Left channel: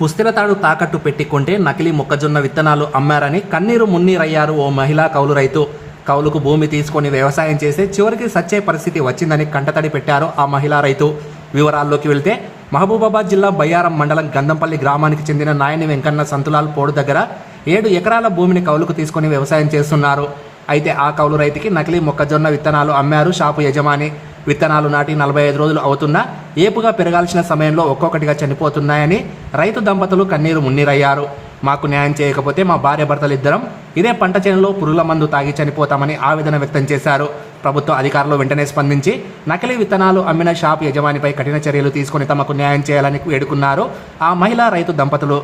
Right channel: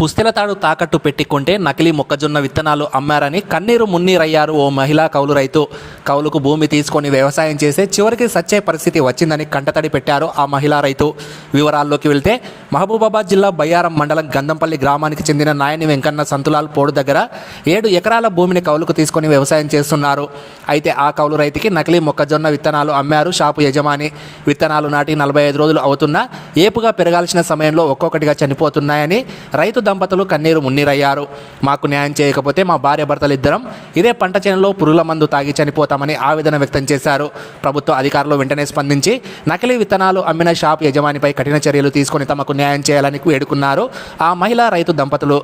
పుస్తెల తాడు తాకట్టు పెట్టుకుంటే నకిలీ మొక్కజొన్న విత్తనాలు అమ్మారని కన్నీరు మున్నీరయ్యారు ఓ మహిళా కౌలు రైతు. కౌలుకు భూమి తీసుకొని వ్యవసాయం చేసే చివరికి సచ్చే పరిస్థితి వచ్చిందని కంటతడి పెట్టారు ఆ మహిళా రైతు. వివరాల్లోకి వెళ్తే మహబూబాబాద్ జిల్లా బయ్యారం మండలం గంధంపల్లి గ్రామానికి చెందిన నాయని వెంకన్న సంతులాల్ పోడు దగ్గర ఏడు ఎకరాల భూమిని కౌలుకు తీసుకొని వ్యవసాయం చేస్తున్నారు. అయితే ఆ కౌలు రైతుకి నకిలీ మొక్కజొన్న విత్తనాలు అమ్మారు. షాపు యజమాని విత్తనాలు నాటి నలభై ఐదు రోజులు అవుతున్నా ఏపుగా పెరగాల్సిన సమయంలో ఒక్కొక్కటిగా చనిపోతున్నాయని రైతు దంపతులు కన్నీరు మున్నీరయ్యారు. మాకు న్యాయం చేయకపోతే మా భార్య భర్తలు ఇద్దరం ఇదే పంట చేనులో పురుగుల మందు తాగి చనిపోతామని ఆవేదన వ్యక్తం చేశారు. ప్రభుత్వ అధికారులు వెంటనే స్పందించి నకిలీ విత్తనాలు అమ్మిన షాప్ యజమానిపై కఠిన చర్యలు తీసుకొని తమకు న్యాయం చేయాలని వేడుకున్నారు. ఆ మహిళా రైతు దంపతులు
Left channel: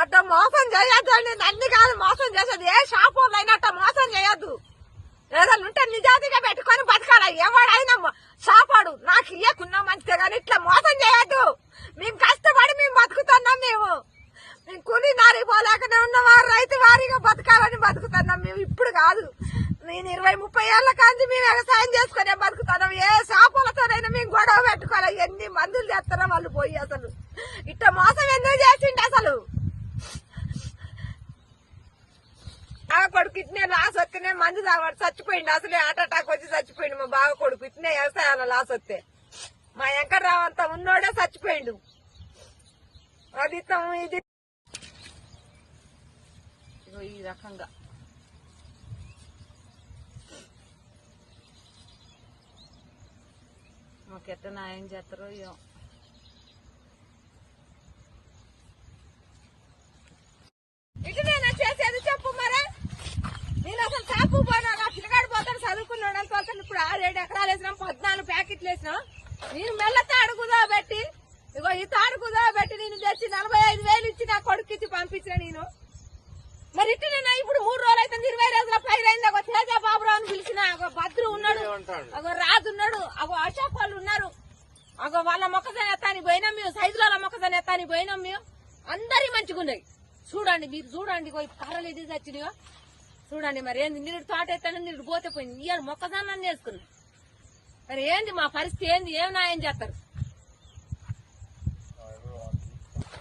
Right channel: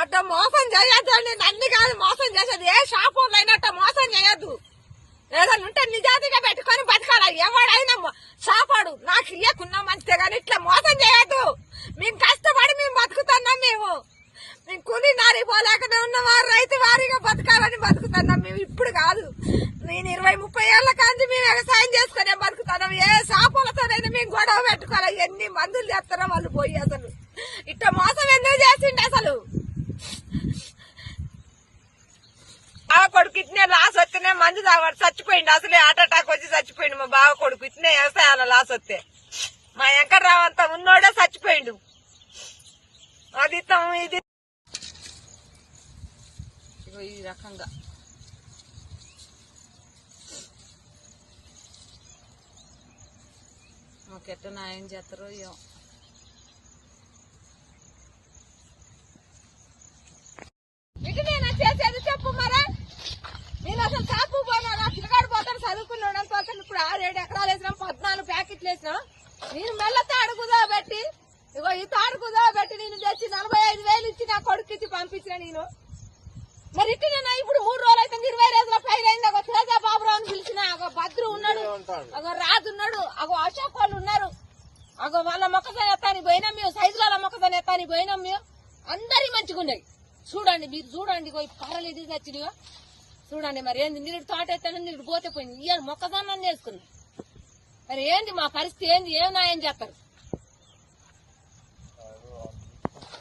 అట్ట మోసం చేయొద్దు అండి. నన్ను కాదు మోసం చేసేది. ఏ షాప్ వాళ్ళు అట్ట మోసం చేయొద్దు. ఏదైనా ఉంటే నిజాతిగా పెట్టుకొని బతకాలి. ఎవడైనా షాపాడు నాకు ఇయ్యకున్నా మంచిదే కానీ ఇట్లా మోసం చేయొద్దు మేము కష్టపడి మేము బతుకుతున్నాం మేము కొని కూలి నారి పోలేకనే ఉన్నవారు రైతు వారిగా బతకాలని బతుకుతున్నాం మేము. ఇప్పుడు కాదు. నేను ఇరవై ముప్పై ఏళ్ళ కాంతి మేము వ్యవసాయం చేసుకునే బతుకుతున్నాం. ఏ షాపులతోనైనా మేము గొడవ పెట్టుకోవాలి. ఎన్ని మందులు చేస్తారో వాళ్ళు పోయి అసలు. ఇట్ట మోసం ఎందుకు చేసిండే అసలు? బావ కొడుకు ఇట్నే లాస్ వస్తేనే మందు తాగాడు. చచ్చిపోయిండు. అసలే హార్ట్ అటాక్ వచ్చి చచ్చిపోయిండు మా బావ కొడుకు. ఇట్నే వ్యవసాయాల లాస్ వస్తే. మా వెంకట్రావు అంతా ఉన్నోడే చచ్చిపోయిండు. అది ఇది ఇగో ఈ రకంగా. మాకెట్ట న్యాయం చేస్తారో ఏమో. ఇటువేనా చేసేది చెప్పు మరా. నేను అసలు చాపు పోనా? నా పిల్లగాడు పోతాం చదువుకున్నాడు అనుకోసం ఇప్పుడు ఆరేడు ఎకరాలు వేసినాం పద్నాలుగు ప్యాకెట్లు వేసినాం. నేను మెల్ల తాడు కుదా పెట్టి ఇగో ఈ తాడు కుదాపెట్టి నేను తెచ్చి నలభై ఐదు వేలు ఇచ్చి నా కొడుకు ఇచ్చి పంపించిన నేను మరి ఇటు నేను ఇప్పుడు మూడు రోజులు అయితే ఇరవై రోజుల పైన అయింది ఒక తేజ బాబురావు అని పిలిచిన ఒక ఉన్నాడు. ఒక అశోక్ వాళ్ళు ఉన్నారు. ఒక వాళ్ళ మొక్కజొన్న ఎత్తానికి పోయినాం మేము. సైజుల మొక్కజొన్న ఎత్తానికి పోయినాం మేము. అందరి మంచిగా ఉన్నాయి. చూడండి మీరు చూడండి కర్రలు ఇది వచ్చినాయో చూడండి మరి ఏంది నీరు తోట ఎత్తాను నీరు పోతే పోయింది. ఇవాళ మొక్కజొన్న చేసుకున్నాం. మరి ఏంది మా పరిస్థితి ఏంది? ఏం న్యాయం చేస్తారు?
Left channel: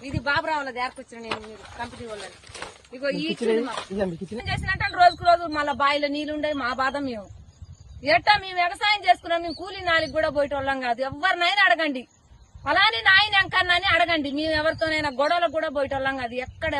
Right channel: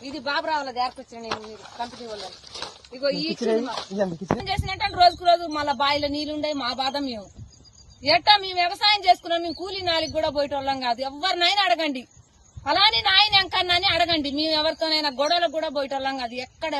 ఇది బాబురావుల దగ్గరకొచ్చిన నేను మీరు కంపెనీ వాళ్ళని. ఇగో ఈ చేసినట్టే రోజుకు రోజు మళ్ళీ బావిలో నీళ్ళు ఉండే మా బాధ మేము. ఎట్టా మేము వ్యవసాయం చేసుకున్నాం మేము కూలీ నాలుగు కూడా పోయేటోళ్ళం కాదు. ఎవరినైనా అడగండి. అలానే నాయన ఎంకన్నా అని అడగండి. మేము ఎవరితోనైనా గొడవలకు కూడా పోయేటోళ్ళం కాదు. ఎక్కడ